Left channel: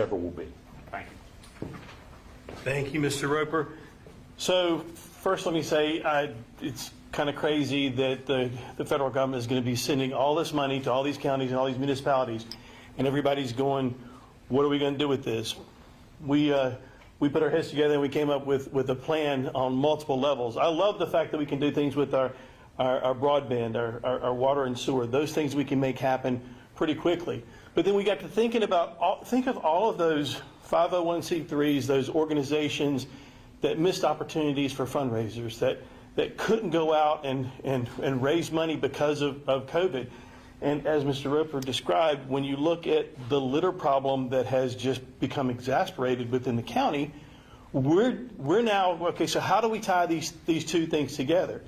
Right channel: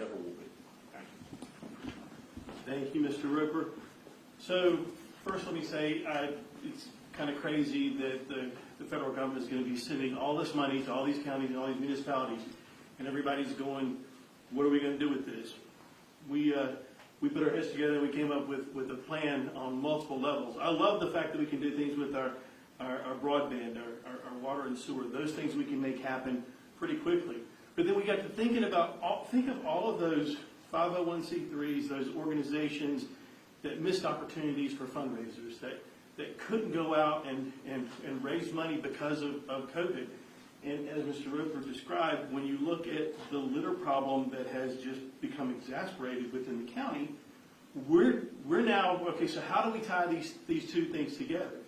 endeavor will be. Thank you. Thank you, Mr. Roper. So first let me say, it's kind of crazy that the federal government is going to be sending all this money to all these counties and all these municipalities, and everybody's going, what are we going to do with this? We put our heads together and we came up with a plan on multiple levels. I love the fact that we can do things with our broadband, our water and sewer. Those things we can make happen pretty quickly. But then we got to thinking about, think of all of those 501c3s, those organizations that missed opportunities for fundraisers, that couldn't go out and raise money because of COVID. And as Mr. Roper described, when you look at the litter problem that has just become exasperated within the county, we're now, okay, so how do we tie these two things together?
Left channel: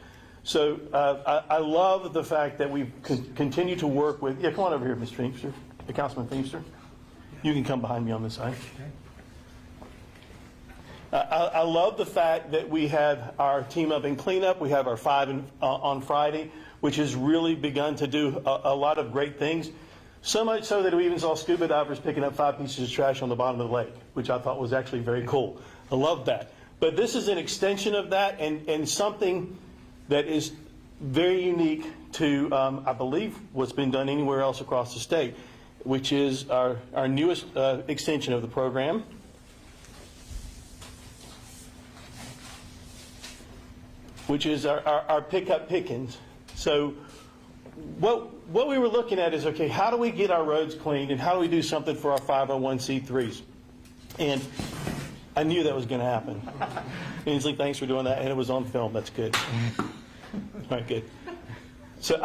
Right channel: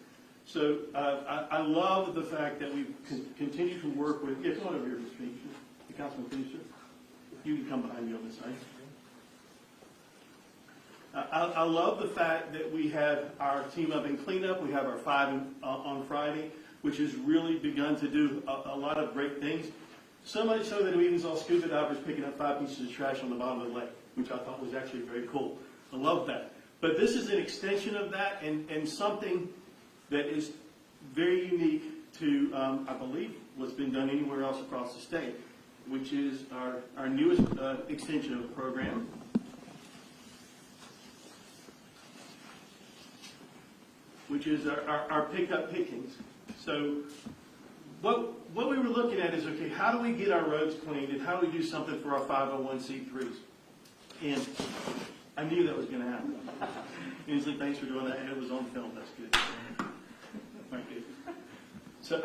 So I love the fact that we continue to work with, yeah, come on over here, Mr. Feimster, Councilman Feimster. You can come behind me on this side. I love the fact that we have our team up in cleanup. We have our 5 on Friday, which has really begun to do a lot of great things. So much so that we even saw scuba divers picking up 5 pieces of trash on the bottom of the lake, which I thought was actually very cool. I love that. But this is an extension of that and something that is very unique to, I believe, what's been done anywhere else across the state, which is our newest extension of the program. Which is our Up Pickens. So what we were looking at is, okay, how do we get our roads cleaned and how do we do something for our 501c3s? And I knew that was going to happen. And he's like, thanks for doing that. And it was on film. That's good. All right, good. So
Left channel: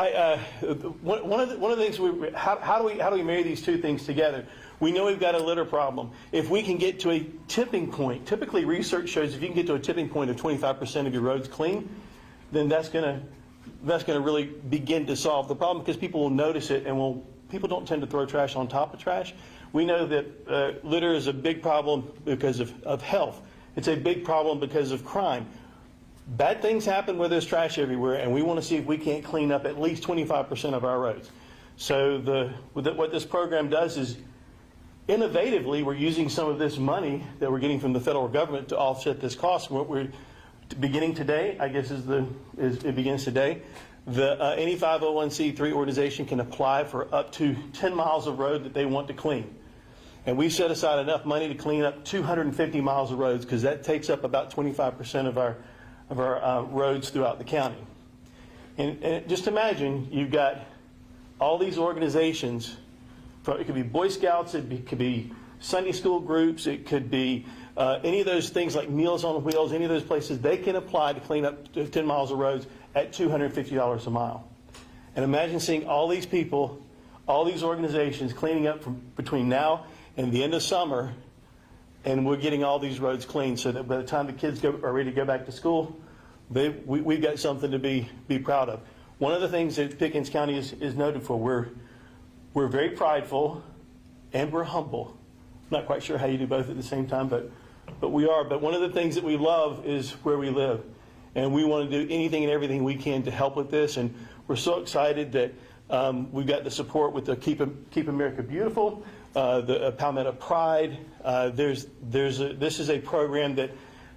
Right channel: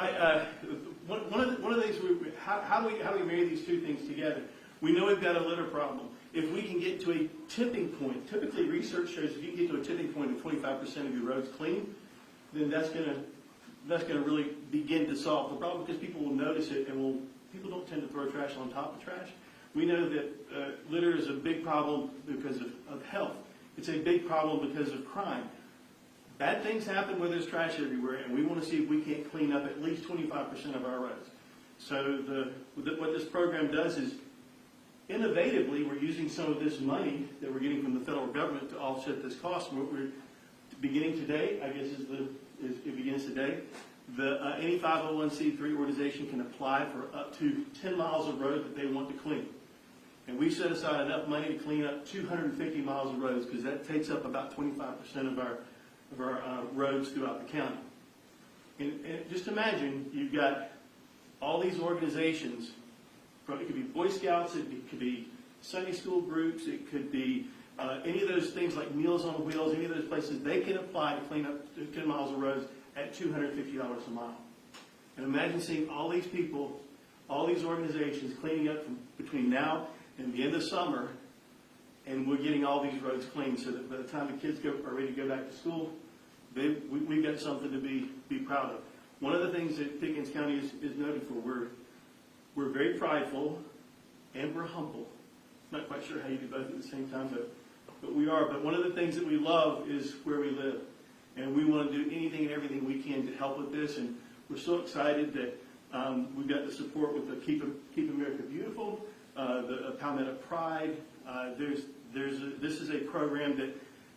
one of the things, how do we marry these two things together? We know we've got a litter problem. If we can get to a tipping point, typically research shows if you can get to a tipping point of 25% of your roads clean, then that's going to really begin to solve the problem because people will notice it and people don't tend to throw trash on top of trash. We know that litter is a big problem because of health. It's a big problem because of crime. Bad things happen where there's trash everywhere, and we want to see if we can't clean up at least 25% of our roads. So what this program does is, innovatively, we're using some of this money that we're getting from the federal government to offset this cost. What we're beginning today, I guess, it begins today. Any 501c3 organization can apply for up to 10 miles of road that they want to clean. And we set aside enough money to clean up 250 miles of roads because that takes up about 25% of our roads throughout the county. And just imagine you've got all these organizations. It could be Boy Scouts, could be Sunday school groups, it could be any of those things like Meals on Wheels, any of those places, they can apply to clean up 10 miles of roads at $250 a mile. And imagine seeing all these people, all these organizations cleaning up from between now and the end of summer, and we're getting all these roads clean so that by the time the kids are ready to go back to school, we've got something to be proud of. One of the things that Pickens County is noted for, we're very prideful and we're humble. I'm not quite sure how you do both at the same time, but we are. But one of the things that we love is where we live. And we want to do anything and everything we can to help with this. And we're so excited that we've got the support with the Keep America Beautiful, the Palmetto Pride. This is a program that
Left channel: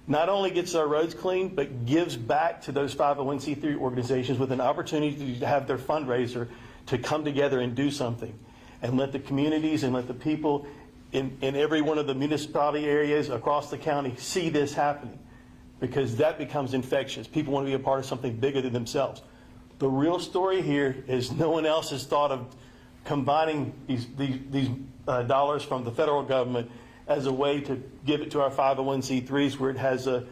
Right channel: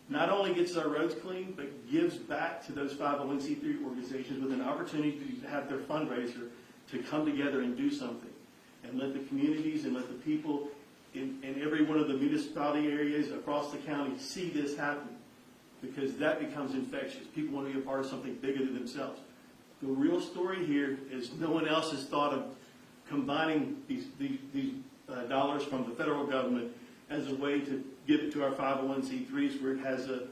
not only gets our roads clean, but gives back to those 501c3 organizations with an opportunity to have their fundraiser to come together and do something and let the communities and let the people in every one of the municipality areas across the county see this happening, because that becomes infectious. People want to be a part of something bigger than themselves. The real story here is no one else has thought of combining these dollars from the federal government as a way to give it to our 501c3s where it has a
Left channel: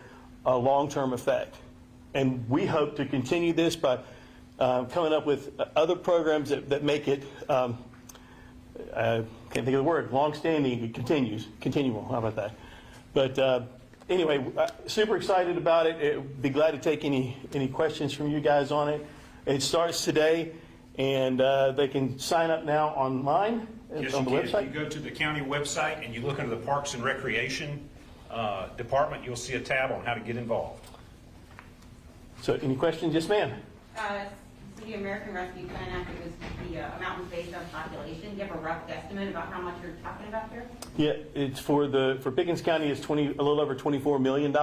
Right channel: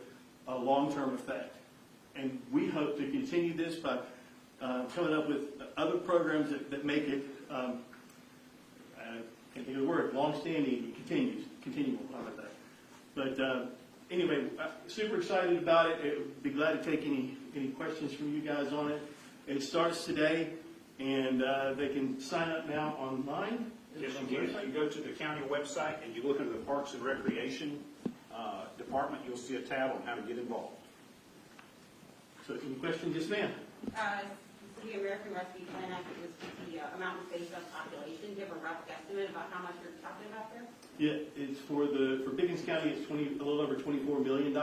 long-term effect. And we hope to continue this by coming up with other programs that make it, can't think of the word, long-standing, continual, how about that? But anyway, super excited about it. Be glad to take any questions from you guys on it. It starts today, and they can sign up now online on the website. If you go to the county website and you look under the Parks and Recreation Department, you'll see a tab on how to get involved. So any questions? Yes, ma'am. For the American Rescue Plan Act, it was the amount was based on population. Do you have a rough guesstimate about how much you're talking about here? Yeah, it's for Pickens County, it's a little over $24 million.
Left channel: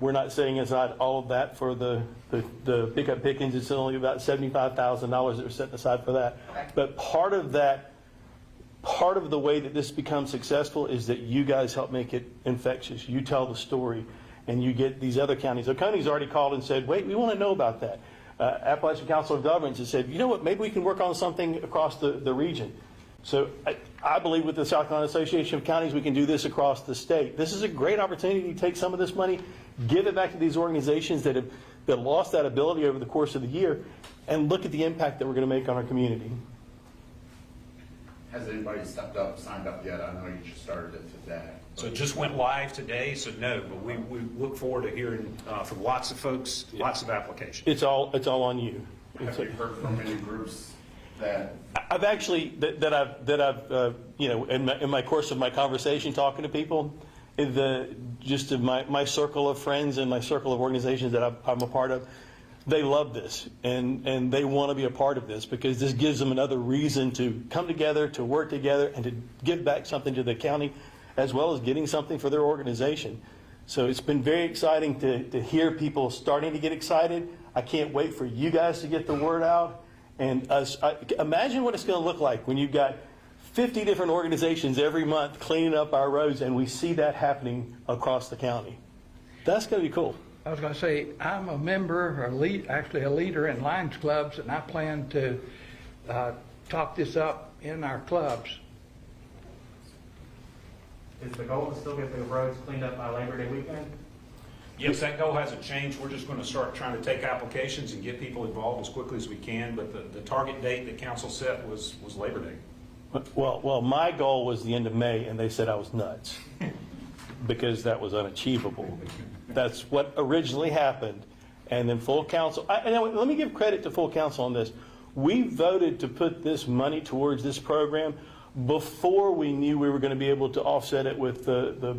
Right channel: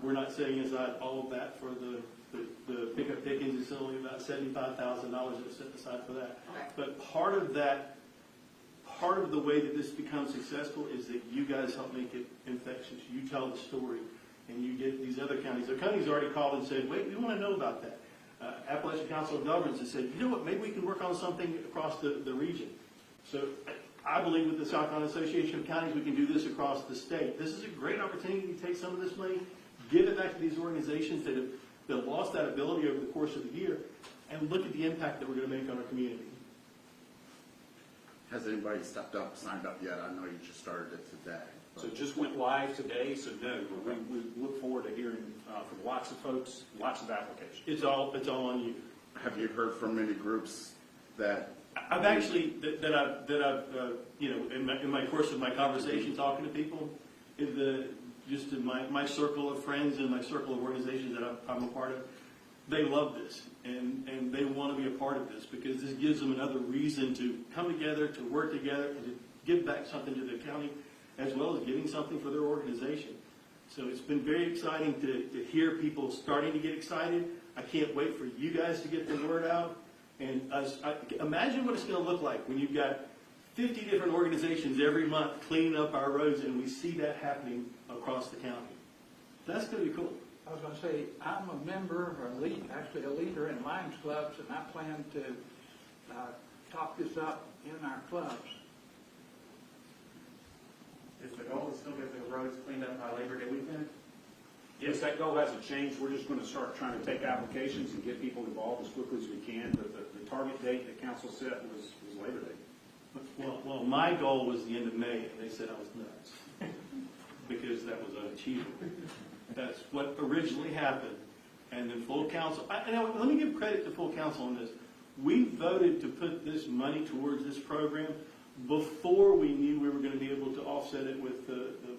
We're not setting aside all of that for the Up Pickens. It's only about $75,000 that are set aside for that. Okay. But part of the way that this becomes successful is that you guys help make it infectious. You tell the story, and you get these other counties. The counties already called and said, wait, we want to know about that. Appalachian Council of Governments has said, you know what, maybe we can work on something across the region. So I believe with the South Carolina Association of Counties, we can do this across the state. This is a great opportunity to take some of this money, give it back to these organizations that lost that ability over the course of the year, and look at the impact that we're going to make on our community. Has anybody stepped up, signed up yet? I know you just started it today. So it just went live today, so no, but we look forward to hearing from lots of folks, lots of applications. It's all on you. Have you heard from any groups that? I've actually in my course of my conversation talking to people, in my circle of friends and my circle of organizations that I'm a part of, they love this and they want to be a part of this because this gives them another reason to come together, to work together, and to give back something to the county, as well as getting something for their organization. So it's been very exciting to hear people starting to get excited. I can't wait for you guys to get the word out. And imagine what it's going to look like when you've got 50 different organizations every month cleaning up our roads, and we see that happening across the county. That's going to be cool. I was going to say, I'm a member, actually a leader in Lions Clubs, and I plan to talk this up in our clubs. Is the goal to still get the roads cleaned up by Labor Day weekend? Yes, that goal hasn't changed. We're just going to start trying to take applications and get people involved as quickly as we can, but the target date that council set was Labor Day. Well, my goal was the end of May, and they said I was nuts because that was unachievable. That's what originally happened. And then full council, let me give credit to full council on this. We voted to put this money towards this program before we knew we were going to be able to offset it with the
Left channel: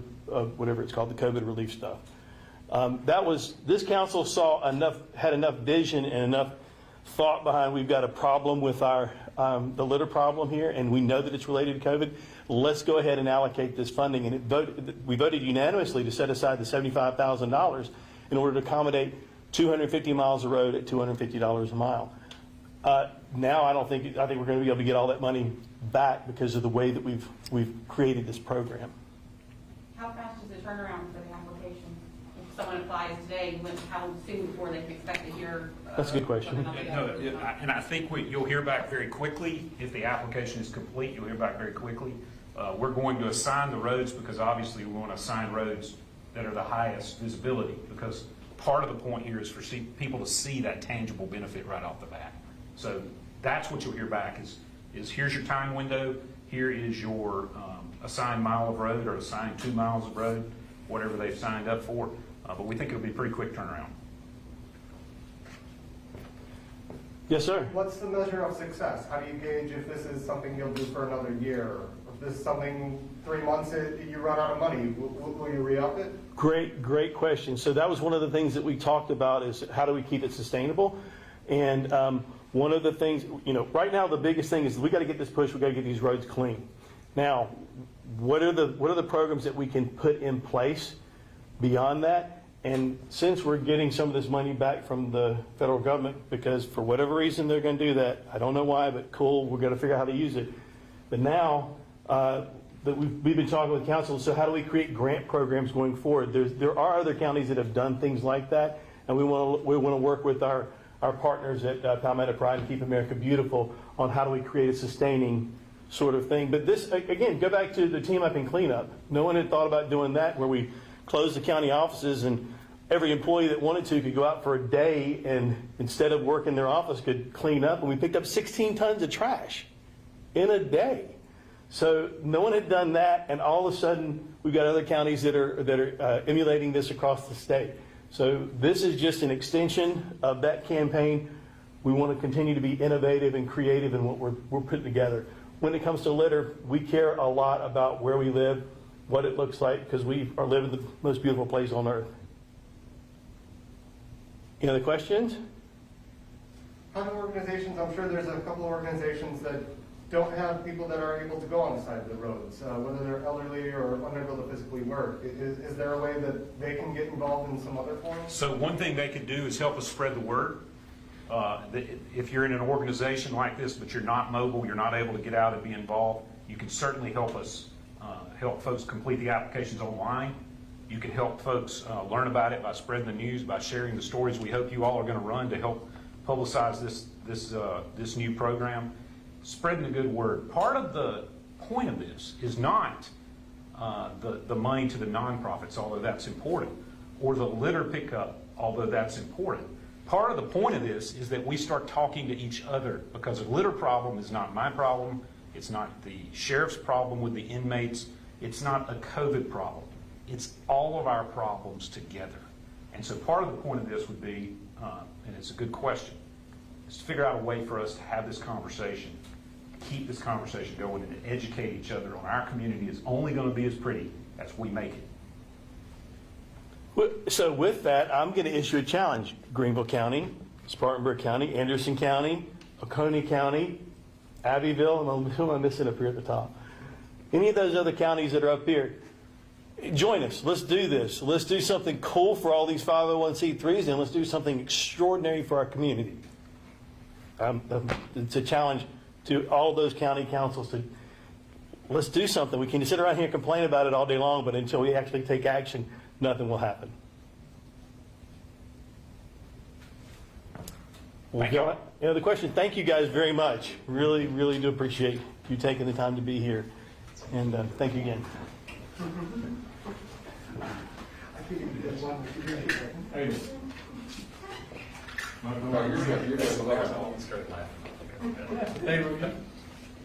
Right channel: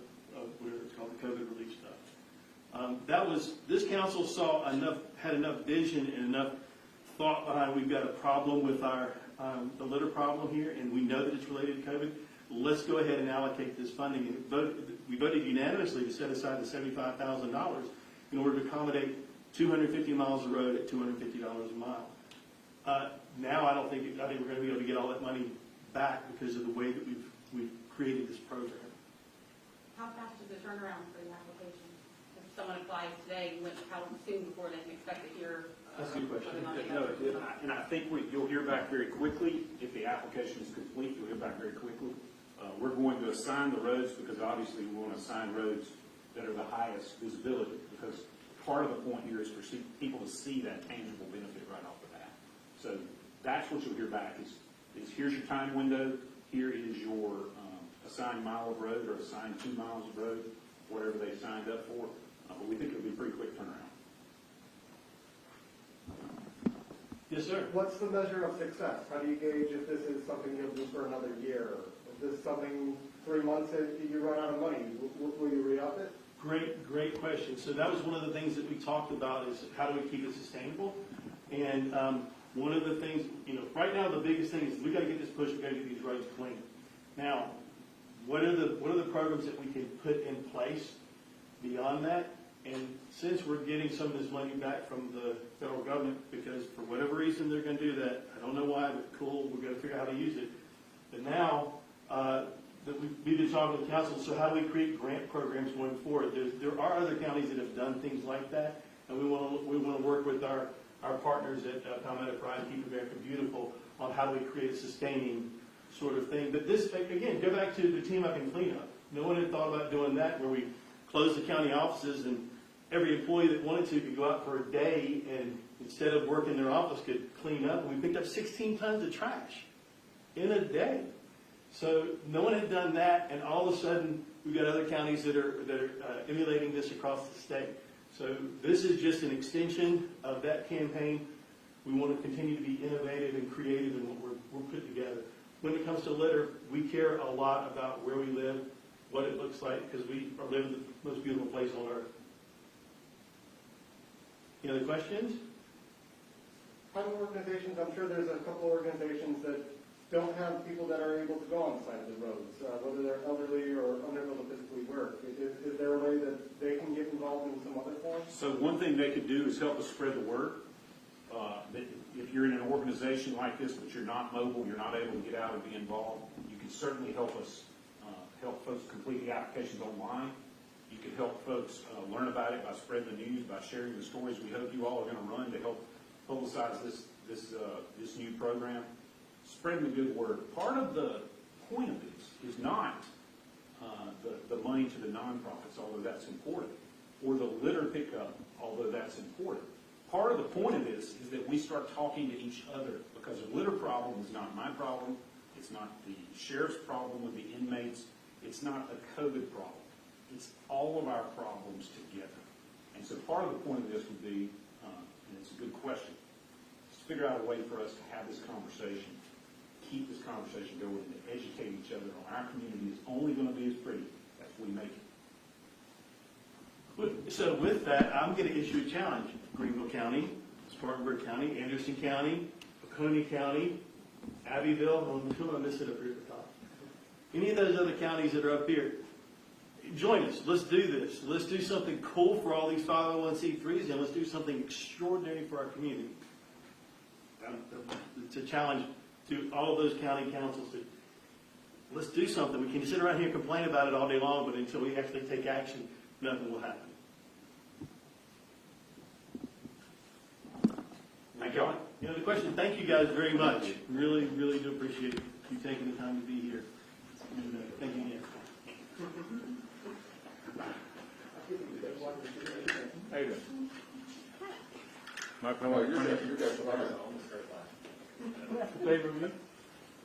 whatever it's called, the COVID relief stuff. This council had enough vision and enough thought behind, we've got a problem with the litter problem here, and we know that it's related to COVID. Let's go ahead and allocate this funding. And we voted unanimously to set aside the $75,000 in order to accommodate 250 miles of road at $250 a mile. Now I think we're going to be able to get all that money back because of the way that we've created this program. How fast is the turnaround for the application? If someone applies today, how soon before they can expect to hear? That's a good question. And I think you'll hear back very quickly. If the application is complete, you'll hear back very quickly. We're going to assign the roads because obviously we want to assign roads that are the highest visibility, because part of the point here is for people to see that tangible benefit right off the bat. So that's what you'll hear back is here's your time window, here is your assigned mile of road or assigned 2 miles of road, whatever they've signed up for. But we think it'll be a pretty quick turnaround. Yes, sir. What's the measure of success? How do you gauge if this is something you'll do for another year? If this is something 3 months you run out of money, will you re-up it? Great question. So that was one of the things that we talked about is how do we keep it sustainable? And one of the things, right now the biggest thing is we got to get this push. We got to get these roads clean. Now, what are the programs that we can put in place beyond that? And since we're getting some of this money back from the federal government, because for whatever reason they're going to do that, I don't know why, but cool, we're going to figure out how to use it. But now that we've been talking with council, so how do we create grant programs going forward? There are other counties that have done things like that, and we want to work with our partners at Palmetto Pride and Keep America Beautiful on how do we create a sustaining sort of thing. But this, again, go back to the team up and cleanup. No one had thought about doing that, where we closed the county offices and every employee that wanted to could go out for a day and instead of work in their office could clean up. And we picked up 16 tons of trash in a day. So no one had done that, and all of a sudden we've got other counties that are emulating this across the state. So this is just an extension of that campaign. We want to continue to be innovative and creative in what we're putting together. When it comes to litter, we care a lot about where we live, what it looks like, because we are living in the most beautiful place on earth. Any other questions? How do organizations, I'm sure there's a couple of organizations that don't have people that are able to go on the side of the roads, whether they're elderly or unable to physically work. Is there a way that they can get involved in some other form? So one thing they could do is help us spread the word. If you're in an organization like this, but you're not mobile, you're not able to get out and be involved, you can certainly help us, help folks complete the applications online. You can help folks learn about it by spreading the news, by sharing the stories we hope you all are going to run to help publicize this new program. Spreading the good word. Part of the point of this is not the money to the nonprofits, although that's important, or the litter pickup, although that's important. Part of the point of this is that we start talking to each other, because a litter problem is not my problem, it's not the sheriff's problem with the inmates, it's not a COVID problem. It's all of our problems together. And so part of the point of this would be, and it's a good question, is to figure out a way for us to have this conversation, keep this conversation going, and educate each other on our community is only going to be as pretty as we make it. So with that, I'm going to issue a challenge. Greenville County, Spartanburg County, Anderson County, Oconee County, Abbeville, and who am I missing up here at the top? Any of those other counties that are up here, join us. Let's do this. Let's do something cool for all these 501c3s, and let's do something extraordinary for our community. It's a challenge to all those county councils to, let's do something. We can sit around here and complain about it all day long, but until we actually take action, nothing will happen. Thank you. Any other questions? Thank you guys very much. Really, really do appreciate you taking the time to be here. And thank you again.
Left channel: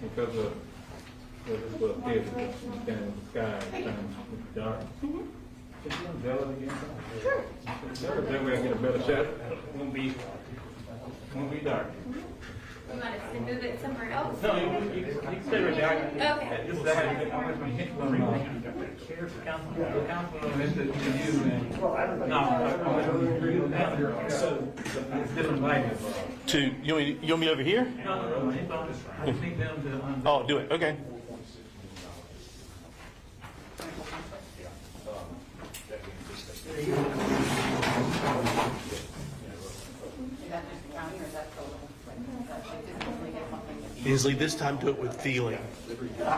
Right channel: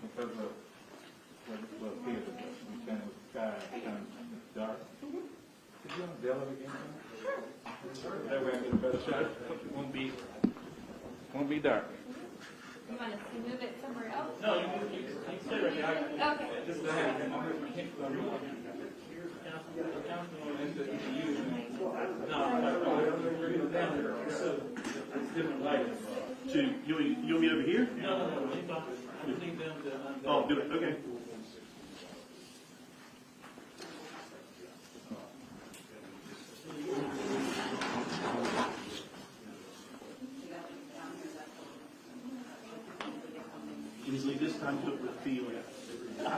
Because of this head and the sky and dark. That way I get a better shot. Won't be dark. We want to move it somewhere else? No, you can stay right there. Okay. This is I get my hit from council on this to you and no, so it's different lighting. You want me over here? No, I just need them to. Oh, do it. Okay. Is that next county or is that total? Isley, this time do it with feeling. Well,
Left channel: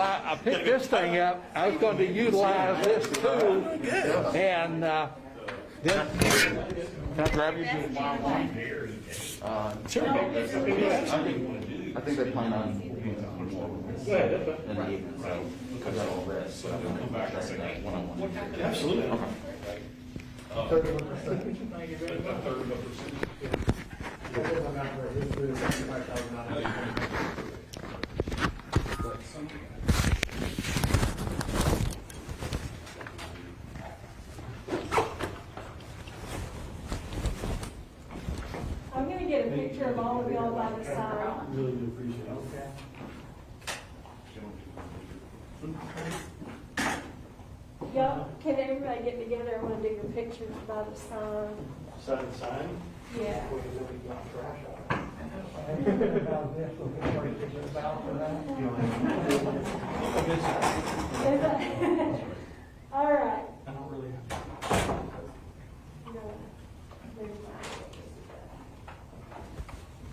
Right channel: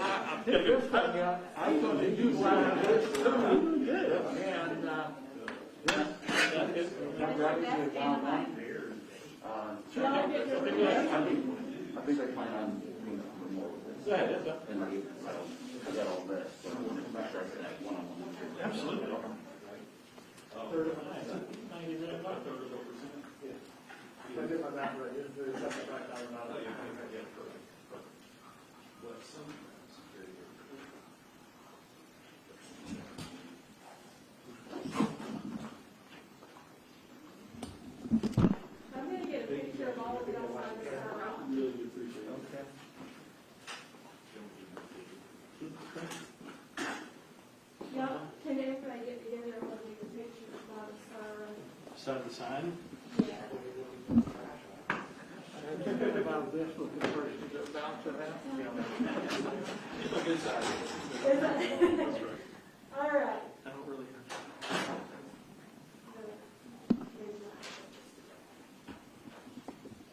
I picked this thing up, I was going to utilize this too, and then, that's right. Sure. I think they plan on being more in the evening, so we got all this, so start that one-on-one. Absolutely. I'm gonna get a picture of all of y'all by the side. Really do appreciate it. Y'all, can everybody get together? I wanna do the pictures by the sign. Side to side. Yeah. Is that- All right. I don't really have. No, never mind.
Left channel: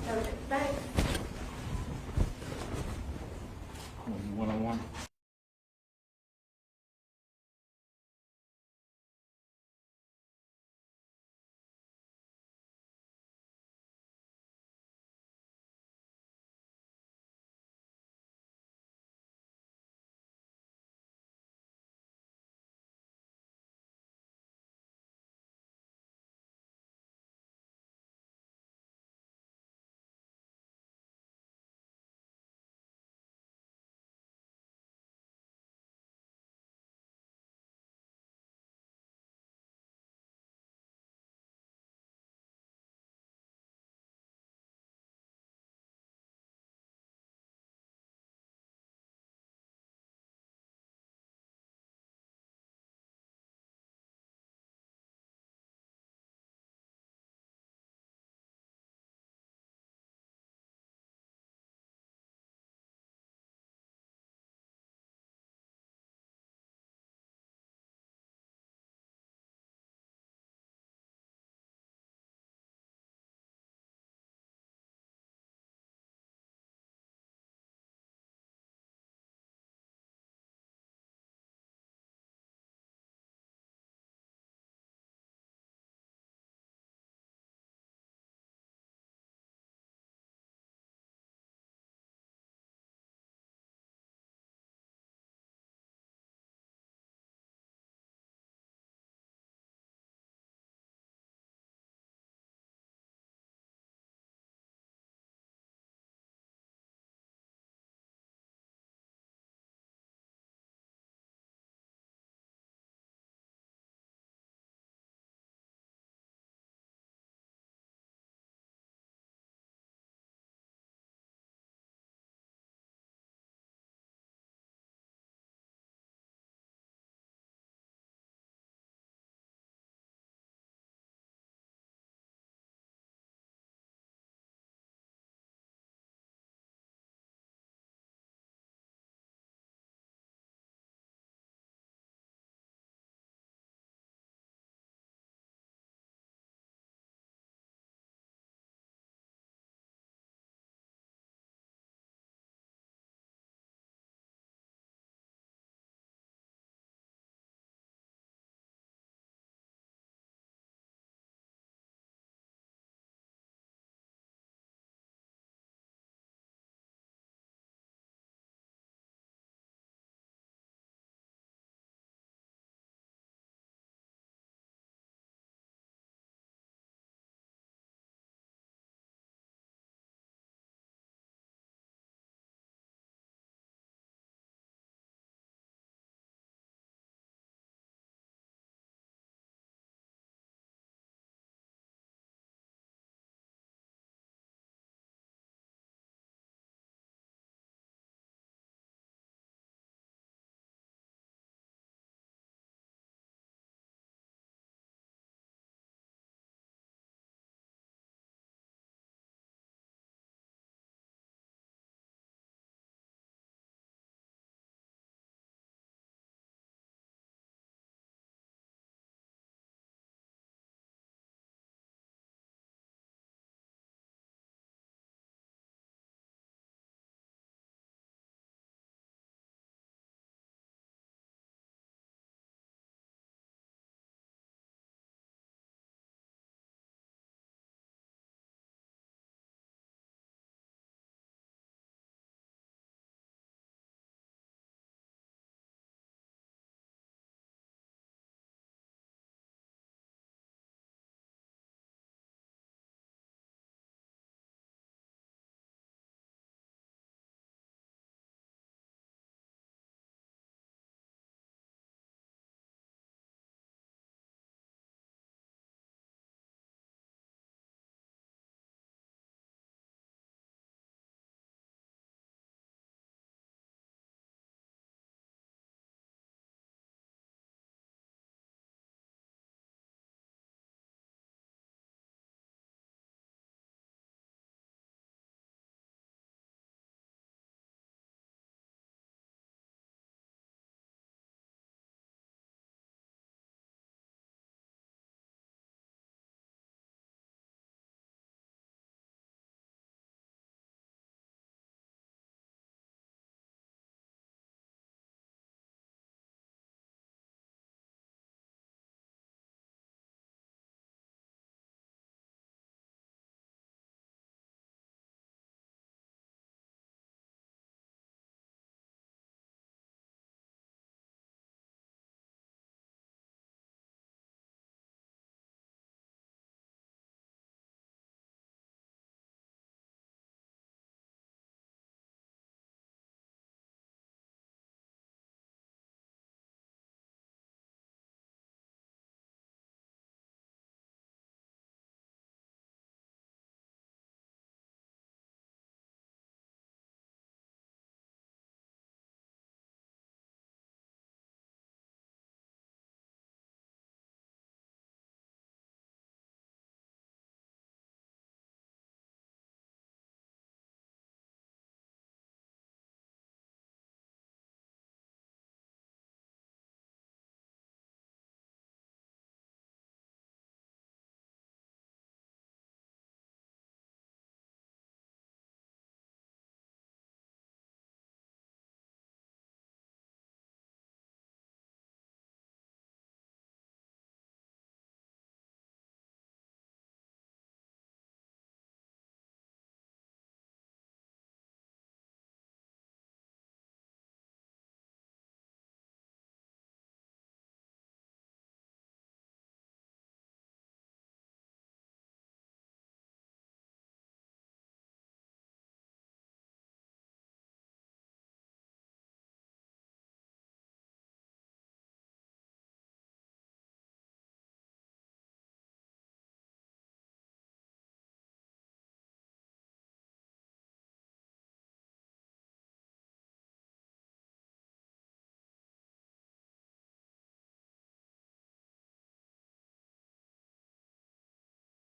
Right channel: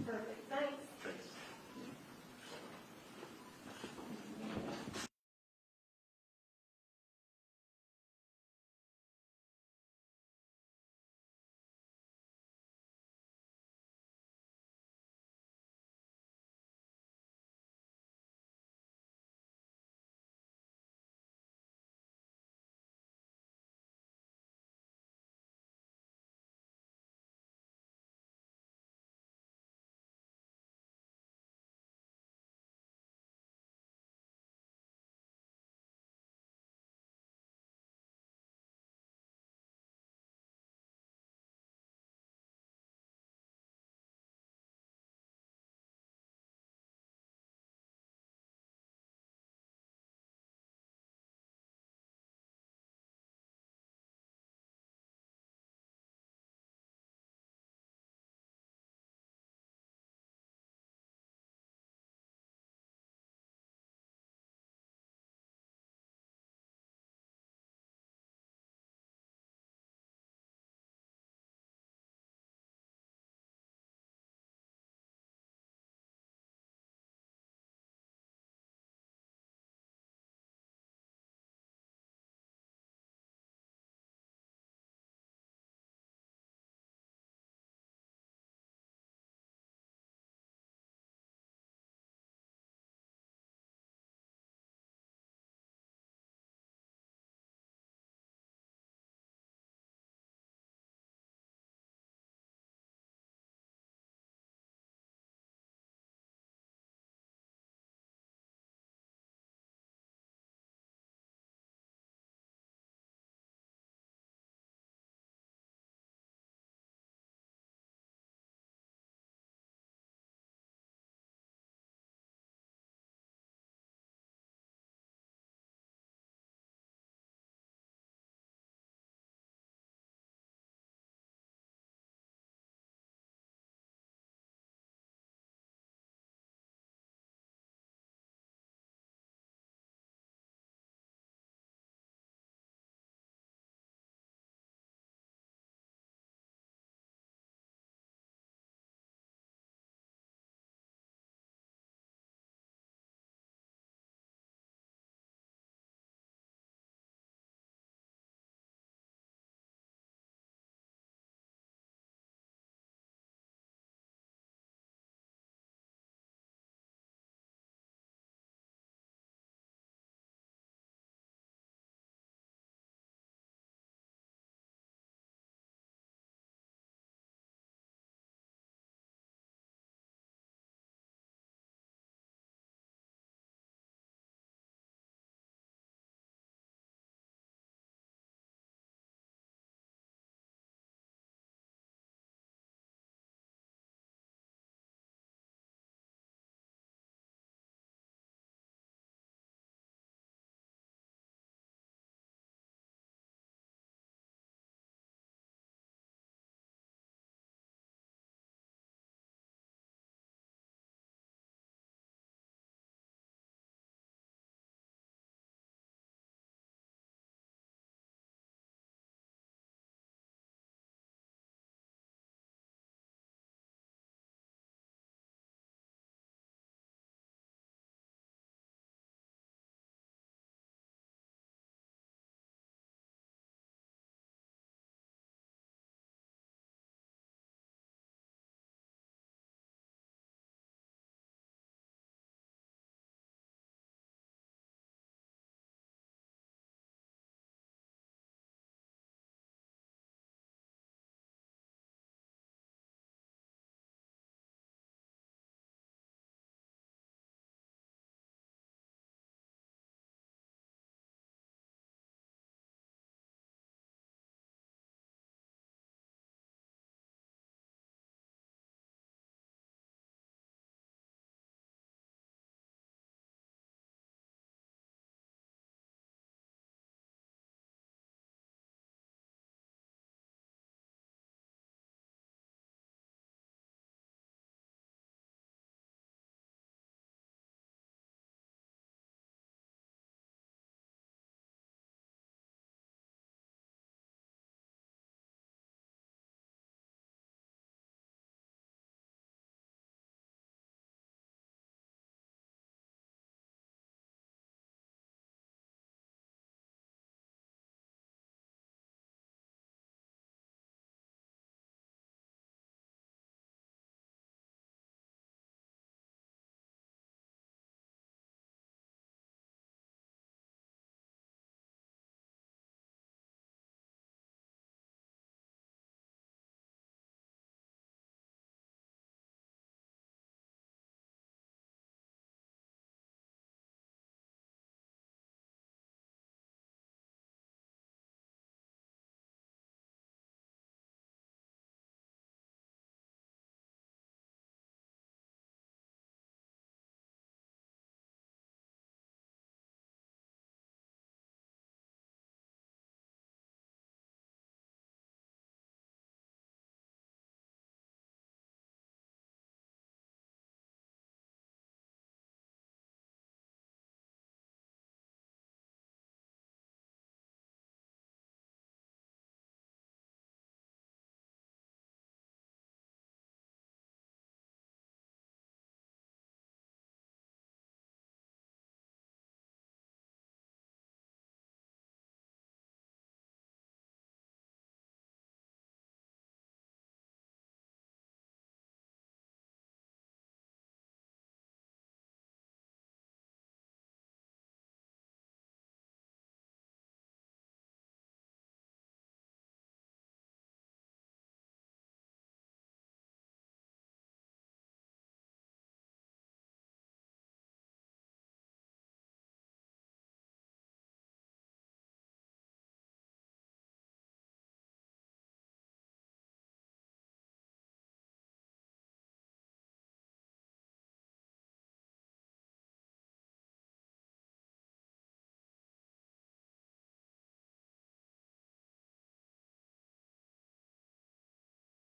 Okay, thanks. One-on-one.